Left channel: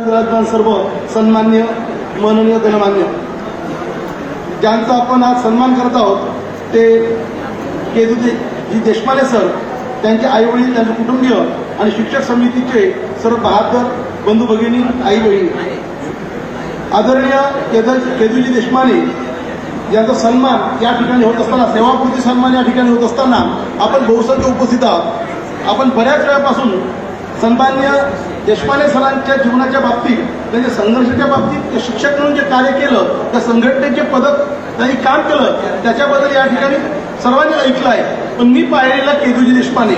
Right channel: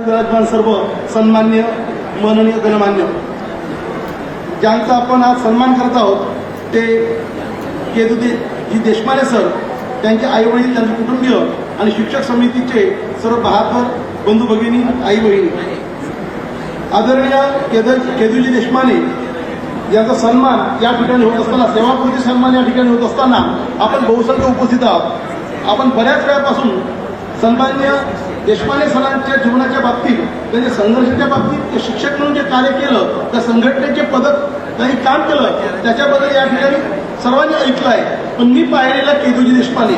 सर्व सन्मान्य माननीय गणमान्य. ज्यांचा आपण आज सन्मान करत आहोत ते केजुजी देशपांडे सर त्यांचे आई वडील त्यांचे कुटुंबीय आणि शिक्षक समितीचे सर्व बहात्तर बंधू भगिनी आई बहिणी आदरणीय केद- केजुजी देशपांडे यांचा सन्मान या ठिकाणी होत असताना सेवापूर्ती सन्मान या ठिकाणी होत असताना आपण बहुसंख्य उपस्थित आहोत. आपण बऱ्याच वेळापासून सन्मान्य देशपांडे सरांच्या जीवनाच्या बाबतीत म्हणजे संघर्षाच्या बाबतीत ते शिक्षक म्हणून जे कार्य केलं त्या संघटनेचे पदक त्यांनी काम केलं त्याच्याबद्दल या ठिकाणी सर्वांनी ऐकलं आहे पण मी पाहिलेला केजुजी देशपांडे.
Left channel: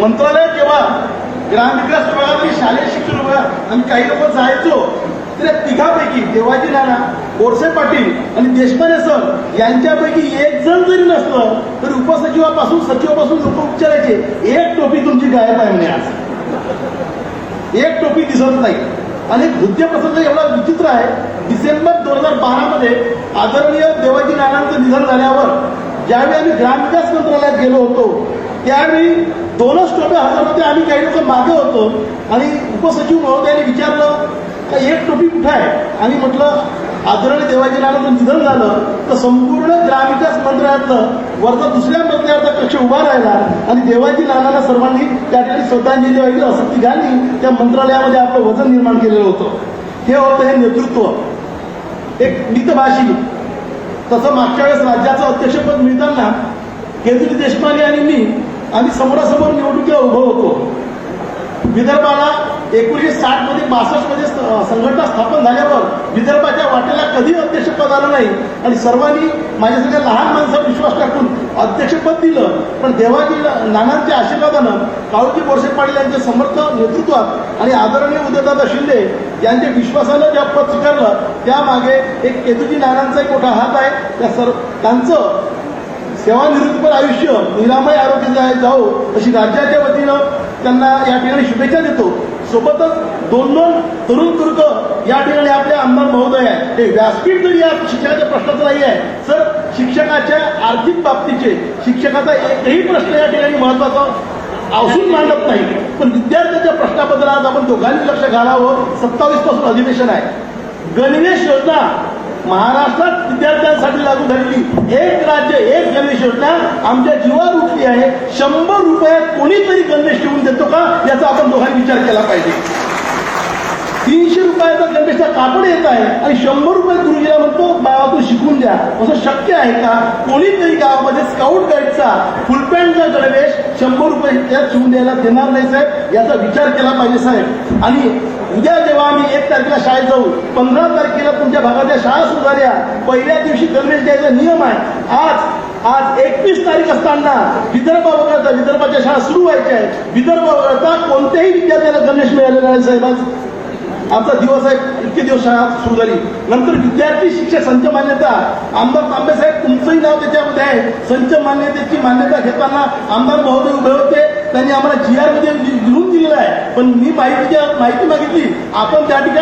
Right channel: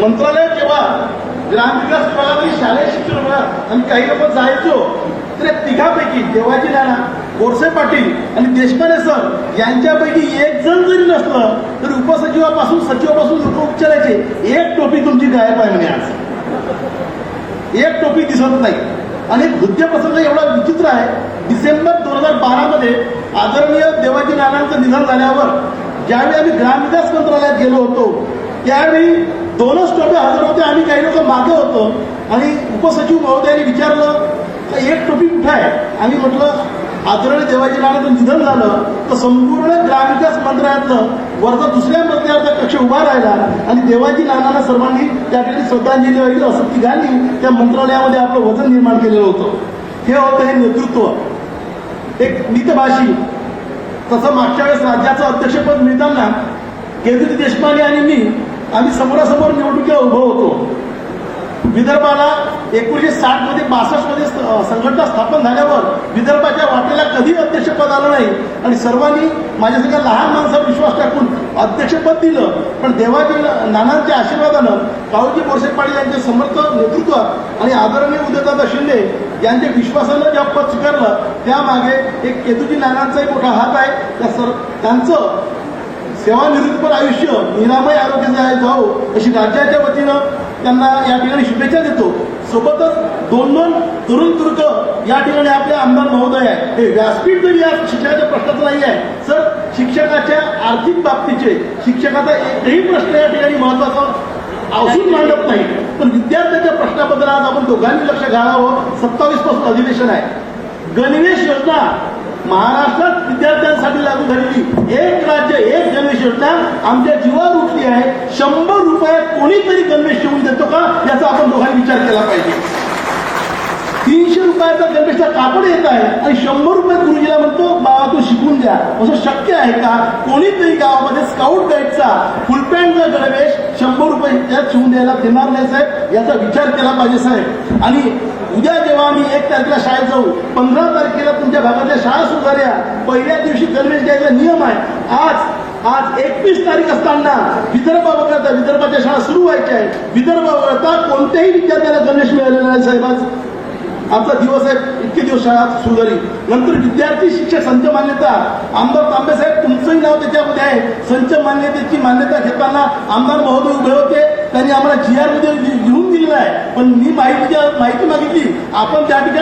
मंत्रालय किंवा ग्रामविकास विभाग शालेय शिक्षण विभाग आणि काही लोक जायचो तर या तिघापैकी देवाजी राणा गोरसे पाटील आणि देशपांडे सर यांच्यापैकी एक जण जरी नसलं तरी उपसचिवापासून सचिवापासून लोक उपचारायचे. एक टोपी तुमची गायब आहे आज. एक टोपी दिसत नाही. आणि हुद्दे प्रसंग एवढा विचित्र आहे. डिसेंबर दोन हजार बारा मध्ये आदरणीय देवाजी नानांचं निधन झाल्यावर ज्यावेळी आम्ही ग्रामविकास मंत्रालयात गेलो होतो त्यावेळी दोनच टोपे हजर होते आणि काही लोक मागं होतो. आणि उपसचिव महोदयांनी विचारलं एक टोपी कुठे आहे? आणि म्हटलं आदरणीय देवाजी नानांचं निधन झालं तर संपूर्ण ग्रामविकास मंत्रालयातलं वर्ग दुसऱ्या मंत्र्याचा कक्ष उभा राहिला आणि देवाजी नानांना सर्वांनी त्या ठिकाणी श्रद्धांजली वाहिली असं तिघांनी त्या मंत्रालयामध्ये आपलं वजन निर्माण केलेलं होतं. हे होतं हे नेतृत्व. एक मितभाषी तसं मागच्या वेळेस राज्याचं अध्यक्षपद मिळताना केंद्रीय देशपांडे आणि मी आम्ही समोरासमोर निवडणुकीला उभं होतो. विदर्भाला एकोणीशे साठमध्ये बासष्टमध्ये संघटना स्थापन झाल्यावर विदर्भाच्या वाटेला कधी अध्यक्षपद आलं नाही. आणि सर्वांनी माझ्यासारख्या लहान माणसावर विश्वास टाकून अध्यक्षपद दिलं. पण देवाजी नानांच्या आशीर्वादानं कावजी बोरसे पाटील यांचे समर्थ नेतृत्वात आणि आदरणीय उदयदादा शिंदे यांच्या विश्वासानं ज्या पद स्वीकारलं त्यामागे एक केतुजी नानांचा एक मोठा हात आहे. त्या सर त्यांचं सेवानिवृत्तीपर आयुष्य निरामय आरोग्य जावो अशी राज्याच्या वतीनं त्यांना या ठिकाणी शुभेच्छा देतो. सोबतच दोन दोन तरुण तुर्क या ठिकाणी आपले आमदार महोदय आहेत. ते व्यासपीठ जरी या शिक्षकाच्या प्रश्नाचं नाही आहे तर शिक्षकाच्या आर्थिक बाबतीचे शिक्षकाचा एकही प्रश्न या ठिकाणी महत्त्वाचा असून मांडत नाही. पण विद्यार्थ्यांच्या प्रश्नाबद्दल आज आपण दोघांनी लक्ष घालावं. सत्तावीसपासून अधिवेशन आहे. गणवेश योजना महाराष्ट्रात विद्यार्थ्यांसाठी लागू झालेली. एक राज्य एक गणवेश योजना आमच्या जीवावृत्ती आहे. शंभर रुपये कोणीतरी गणवेश ठेवून देतो का? याचा आपण दोघांनी विचार केला पाहिजे. तीनशे रुपयाचा गणवेशचा कापड येत आहे आणि शंभर रुपये दुर्गीला म्हणतो बाळा तू शिकून द्या. असं शक्य आहे का? कोणीतरी गावामध्ये स्काउट गाईडचा फुलपॅन्टचा गणवेश शंभर रुपये त्यात शिवून द्यायला देणार नाही साहेब याचा विचार केला पाहिजे साहेब. आणि उद्या जेव्हा आम्ही एक तारखेला शाळेत जाऊ पंधरा तारखेला तुमच्या भागातल्या शाळा सुधार्या पहिल्या दिवशी गणेश द्यायचा नियम आहे. आज आज एकवीस तारीख असताना विदर्भ वगळता विदर्भाच्या शाळा सुरू व्हायच्या आहेत. विदर्भ वगळता कोणत्याही विद्यार्थ्याला गणेश मिळालेला नाही साहेब. आज आमचा दिवस आहे इतके दिवस शाळा सुरू झाली. नंतर विद्यार्थी शिक्षक संच मान्यता आमदार तांबे साहेब तुमचंही नाव त्याच्यामध्ये आहे. संच मान्यतेची मान्यता घेताना आमदार महोदय उभे होते त्यांनी आम्हाला जी आरमध्ये लिहून दिलेलं आहे. पण मी माहिती माहिती मागितली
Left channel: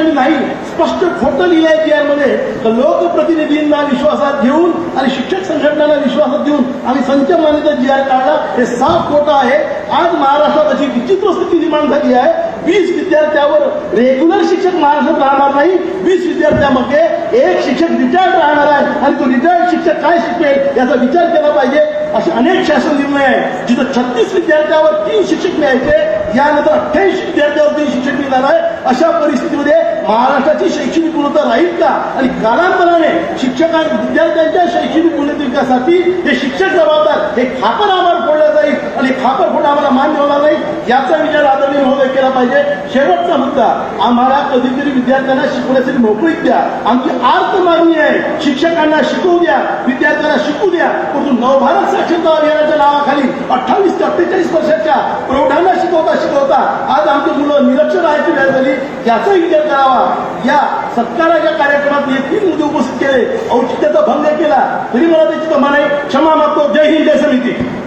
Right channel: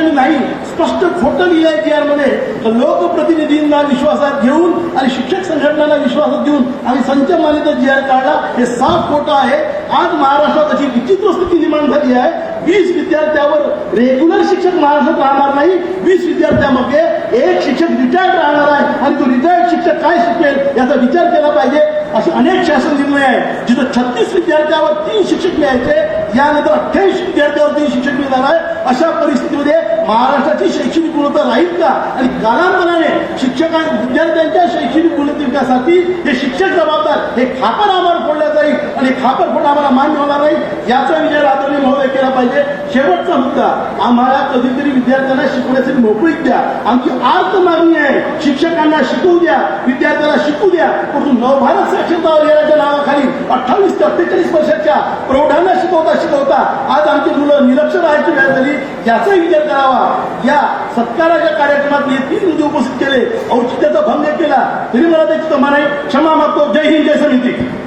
ठिकाणी नाही. स्पष्ट खोटं लिहिलंय जी तर लोकप्रतिनिधींना विश्वासात घेऊन आणि शिक्षक संघटनांना विश्वासात देऊन आणि संच मान्यता जी आर काढा हे साफ खोटं आहे. आज महाराष्ट्रात अशी विचित्र स्थिती निर्माण झाली आहे. वीस विद्यार्थ्यावर रेग्युलर शिक्षक महाराष्ट्रात राहणार नाही. वीस विद्यार्थ्यामध्ये एक शिक्षक रिटायर्ड राहणार आहे. आणि तो रिटायर्ड शिक्षक काय शिकवेल याचा विचार केला पाहिजे. असे अनेक शासन निर्णय आहे जिथं छत्तीस विद्यार्थ्यावर तीन शिक्षक मिळायचे यानंतर अठ्ठावीस विद्यार्थ्यावर तीन शिक्षक मिळणार आहे अशा परिस्थितीमध्ये महाराष्ट्राची शैक्षणिक गुणवत्ता राहील का? आणि कालांतराने शिक्षकां विद्यार्थ्यांच्या शैक्षणिक गुणवत्तेसाठी हे शिक्षक जबाबदार हे खापर आम्हाला फोडलं जाईल आणि खापर फोडणं आम्हाला मान्य होणार नाही. याचा विचार आदरणीय महोदय केला पाहिजे. शेवटचा मुद्दा आम्हाला कधीतरी विद्यार्थ्यांना शिकवण्यासाठी मोकळीक द्या. आमची आर्थ मागणी आहे. शिक्षकांना शिकवू द्या. विद्यार्थ्यांना शिकू द्या. परंतु नवभारत साक्षरता अभियानाच्या पंचेचाळीस वर्षाच्या प्रौढांना शिकवता शिकवता आज आमची मुलं निरक्षर राहायची वेळ झाली. याचा विचार करावा. या सत्काराच्या कार्यक्रमात मी तीन मुद्दे उपस्थित केले. औचित्याचा भंग केला. तरी मला त्याची कमा नाही क्षमा मागतो. जय हिंद जय समिती.